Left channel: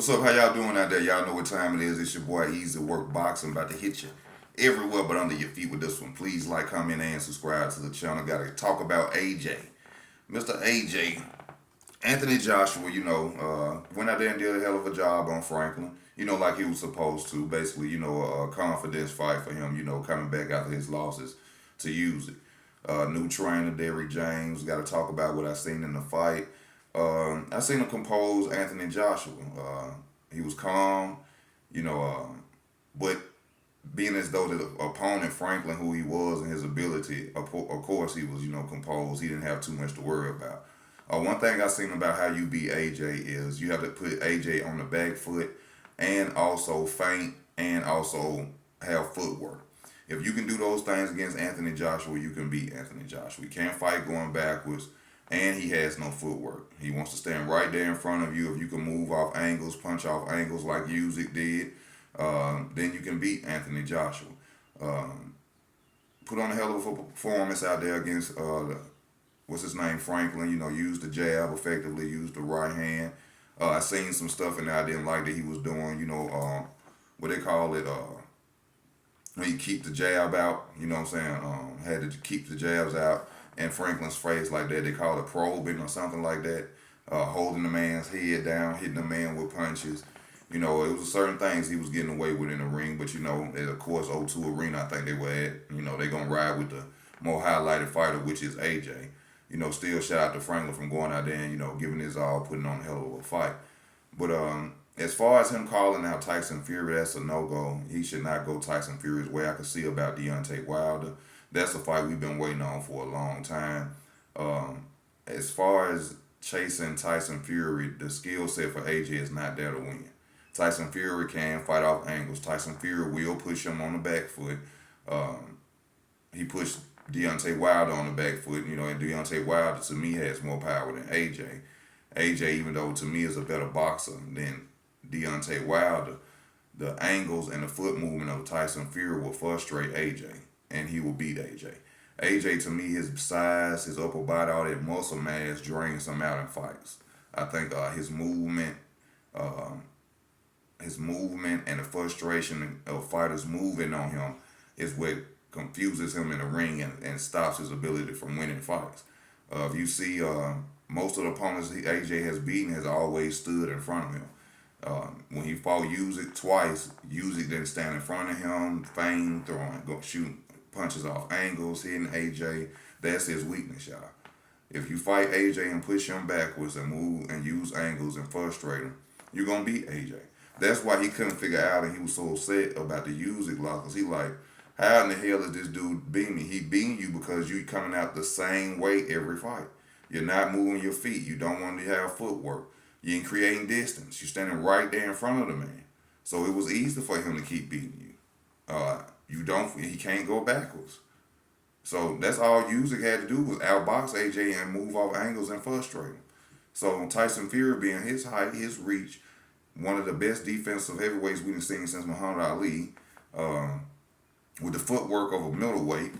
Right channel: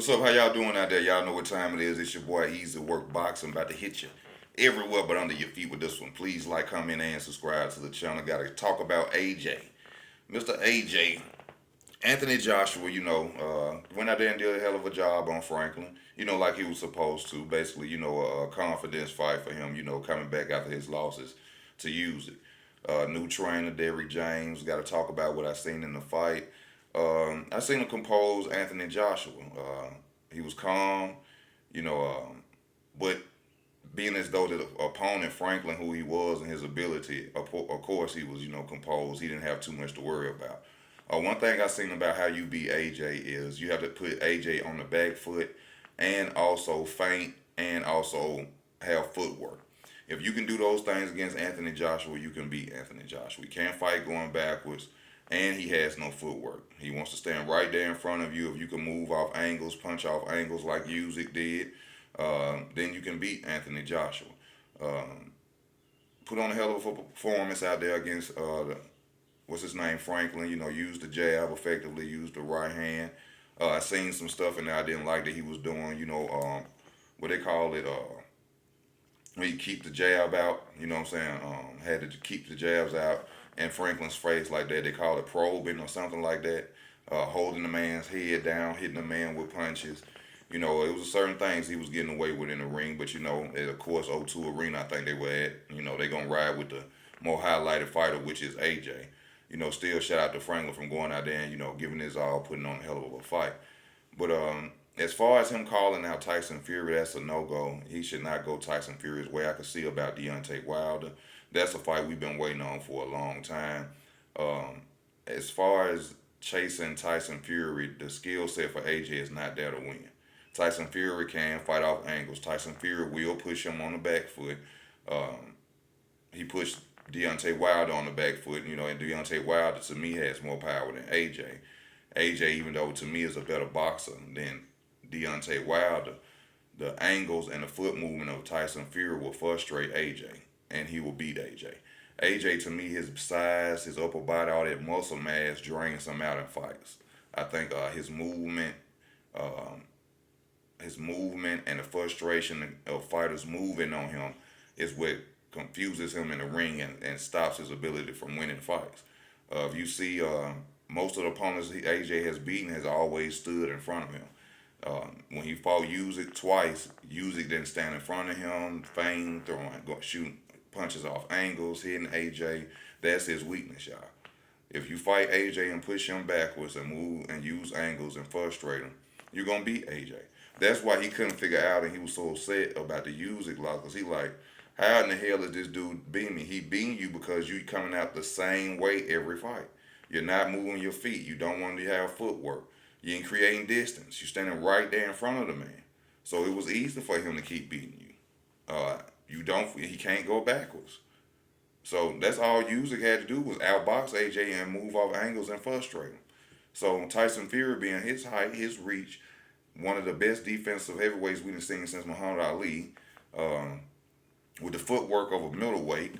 What's up? How y'all doing out there? Y'all know what time it is. It's your boy Easy Work Boxing about to hit you everywhere but under your feet with this one. Please like, comment, and subscribe to the channel. Got to talk about AJ. Mr. AJ, Anthony Joshua, went out there and did a hell of a job on Franklin. Like he was supposed to. Basically, a confidence fight for him, coming back after his losses to use it. New trainer, Derrick James. Got to talk about what I seen in the fight. I seen him compose Anthony Joshua. He was calm, but being as though the opponent Franklin, who he was and his ability, of course he was, composed. He didn't have too much to worry about. One thing I seen about how you beat AJ is you have to put AJ on the back foot and also feint and also have footwork. If you can do those things against Anthony Joshua, you can beat Anthony Joshua. He can't fight going backwards, and he has no footwork. He wants to stand right there in front of you. If you can move off angles, punch off angles like Usyk did, then you can beat Anthony Joshua. Um, Put on a hell of a performance out there against what's his name, Franklin. Used the jab effectively, used the right hand. I seen some stuff in there I didn't like that he was doing. What they call it. When you keep the jab out, you know what I'm saying? Had to keep the jabs out in Franklin's face like that. They call it probing or something like that. Holding the man's head down, hitting the man with punches. It was certain things he was getting away with in the ring, but at of course O2 Arena, I think they were at. They gonna ride with the more highlighted fighter, which is AJ. Still shout out to Franklin from going out there and giving his all, putting on a hell of a fight. But as far as him calling out Tyson Fury, that's a no-go. He should not go Tyson Fury's way. I can see about Deontay Wilder. That's a fight we've been waiting on for a long time. As far as chasing Tyson Fury, the skill set for AJ is not there to win. Tyson Fury can fight off angles. Tyson Fury will push him on the back foot. He pushed Deontay Wilder on the back foot, and Deontay Wilder to me has more power than AJ. AJ, even though to me is a better boxer than Deontay Wilder, the angles and the foot movement of Tyson Fury will frustrate AJ, and he will beat AJ. AJ, to me, his size, his upper body, all that muscle mass drains him out in fights. I think his movement and the frustration of fighters moving on him is what confuses him in the ring and stops his ability from winning fights. If you see, most of the opponents AJ has beaten has always stood in front of him. When he fought Usyk twice, Usyk didn't stand in front of him, feign, shooting punches off angles, hitting AJ. That's his weakness, y'all. If you fight AJ and push him backwards and move and use angles and frustrate him, you're gonna beat AJ. That's why he couldn't figure out, and he was so upset about the Usyk loss, because he like, how in the hell is this dude beating me? He beating you because you coming out the same way every fight. You're not moving your feet. You don't want to have footwork. You ain't creating distance. You're standing right there in front of the man. So it was easy for him to keep beating you. He can't go backwards. So that's all Usyk had to do was outbox AJ and move off angles and frustrate him. So Tyson Fury being his height, his reach, one of the best defensive heavyweights we've seen since Muhammad Ali, with the footwork of a middleweight,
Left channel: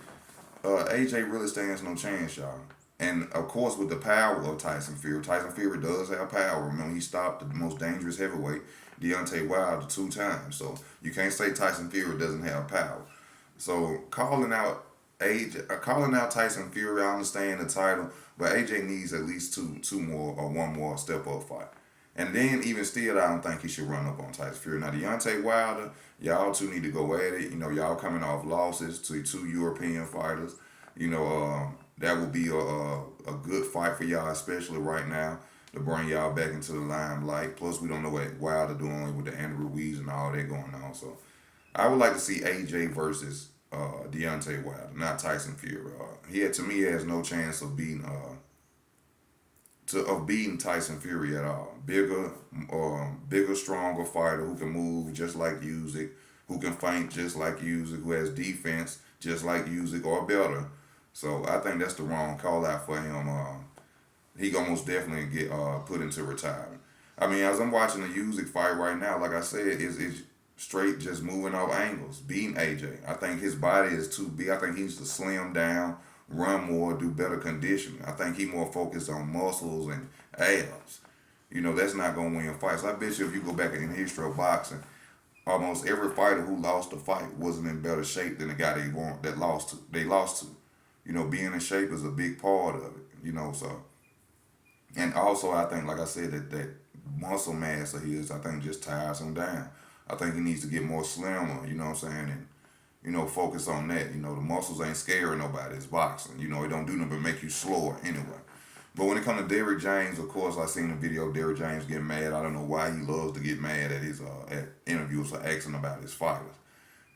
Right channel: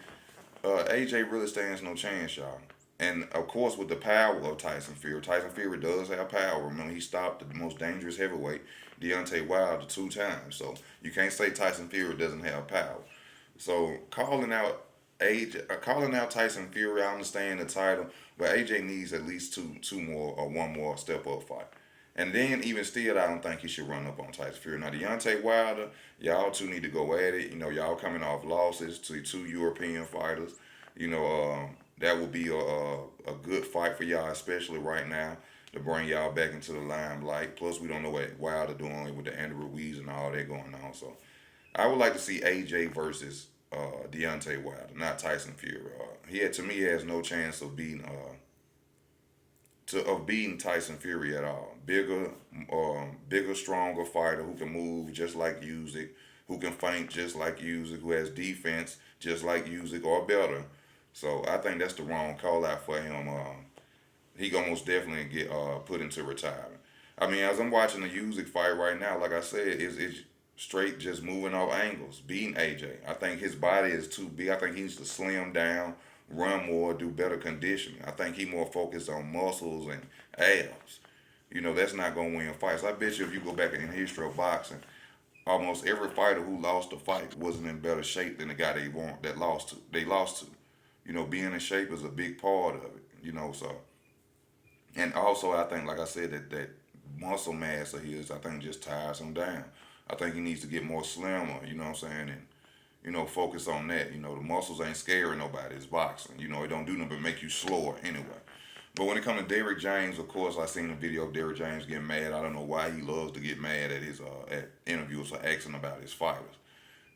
AJ really stands no chance, y'all. And of course, with the power of Tyson Fury does have power. Remember, he stopped the most dangerous heavyweight, Deontay Wilder, 2 times. So you can't say Tyson Fury doesn't have power. So calling out Tyson Fury, I understand the title, but AJ needs at least two more or one more step up fight. And then even still, I don't think he should run up on Tyson Fury. Now Deontay Wilder, y'all two need to go at it. Y'all coming off losses to 2 European fighters. That will be a good fight for y'all, especially right now, to bring y'all back into the limelight. Plus, we don't know what Wilder doing with the Andrew Ruiz and all that going on. So, I would like to see AJ versus Deontay Wilder, not Tyson Fury. To me, has no chance of beating Tyson Fury at all. Bigger, stronger fighter who can move just like Usyk, who can feint just like Usyk, who has defense just like Usyk or better. So I think that's the wrong call out for him. He gonna most definitely get put into retirement. I mean, as I'm watching the Usyk fight right now, like I said, it's straight just moving off angles, beating AJ. I think his body is too big. I think he needs to slim down, run more, do better conditioning. I think he more focused on muscles and abs. You know, that's not gonna win fights. I bet you if you go back in the history of boxing, almost every fighter who lost a fight wasn't in better shape than the guy that lost to. They lost to. You know, being in shape is a big part of it. You know, so and also I think, like I said, that muscle mass of his, I think, just tires him down. I think he needs to get more slimmer. You know what I'm saying? And focus on that. You know, the muscles ain't scaring nobody. It's boxing. You know, it don't do nothing but make you slower anyway. But when it comes to Derrick James, of course, I seen the video of Derrick James getting mad. I don't know why he loves to get mad at his at interviews for asking about his fighters.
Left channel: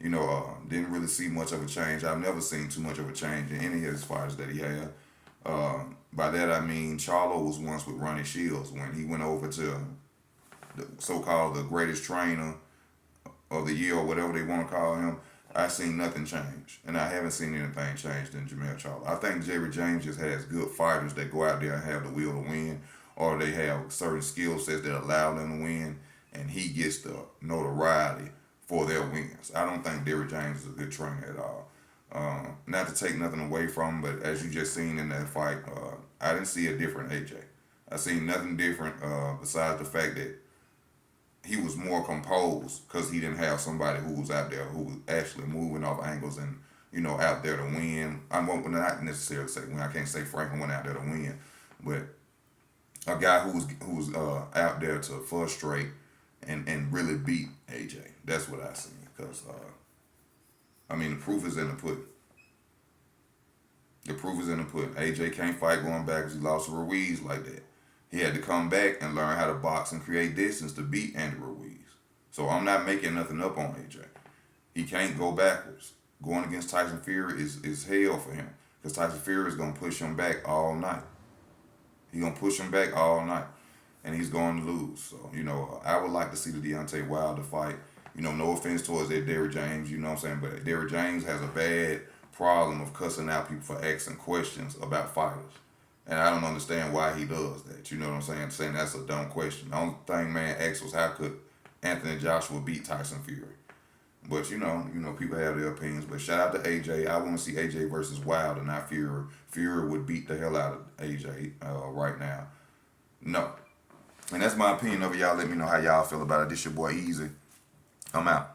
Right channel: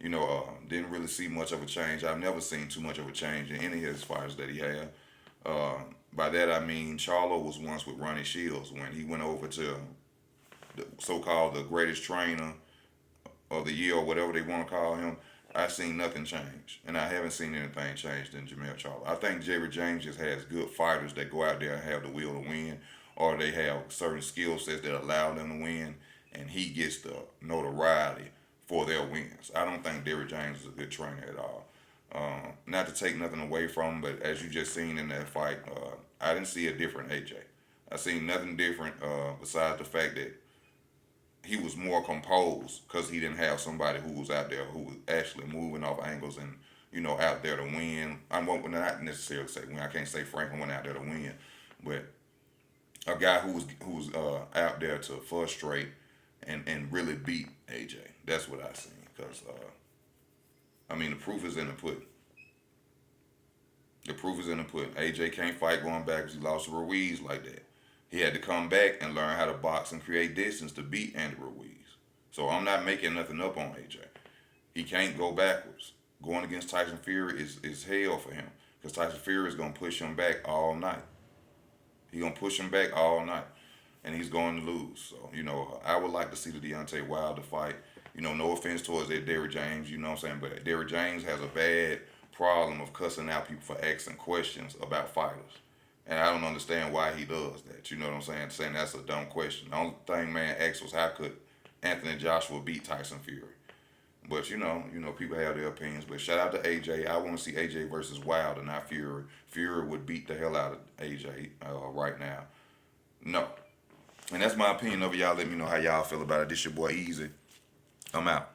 Didn't really see much of a change. I've never seen too much of a change in any of his fighters that he had. By that I mean Charlo was once with Ronnie Shields when he went over to the so-called the greatest trainer of the year or whatever they want to call him. I seen nothing change, and I haven't seen anything changed in Jamel Charlo. I think Jerry James just has good fighters that go out there and have the will to win, or they have certain skill sets that allow them to win, and he gets the notoriety for their wins. I don't think Derrick James is a good trainer at all. Not to take nothing away from him, but as you just seen in that fight, I didn't see a different AJ. I seen nothing different besides the fact that he was more composed because he didn't have somebody who was out there who was actually moving off angles and out there to win. I won't not necessarily say win. I can't say Franklin went out there to win, but a guy who was out there to frustrate and really beat AJ. That's what I see. Because I mean, the proof is in the pudding. The proof is in the pudding. AJ can't fight going back because he lost to Ruiz like that. He had to come back and learn how to box and create distance to beat Andy Ruiz. So I'm not making nothing up on AJ. He can't go backwards. Going against Tyson Fury is hell for him because Tyson Fury is going to push him back all night. He's going to push him back all night, and he's going to lose. So, I would like to see the Deontay Wilder fight. No offense towards that Derrick James, you know what I'm saying? But Derrick James has a bad problem of cussing out people for asking questions about fighters. And I don't understand why he does that. You know what I'm saying? Saying that's a dumb question. The only thing man asked was how could Anthony Joshua beat Tyson Fury? But people have their opinions. But shout out to AJ. I want to see AJ versus Wilder, not Fury. Fury would beat the hell out of AJ right now. No. And that's my opinion of it. Y'all let me know how y'all feel about it. This your boy Easy. I'm out.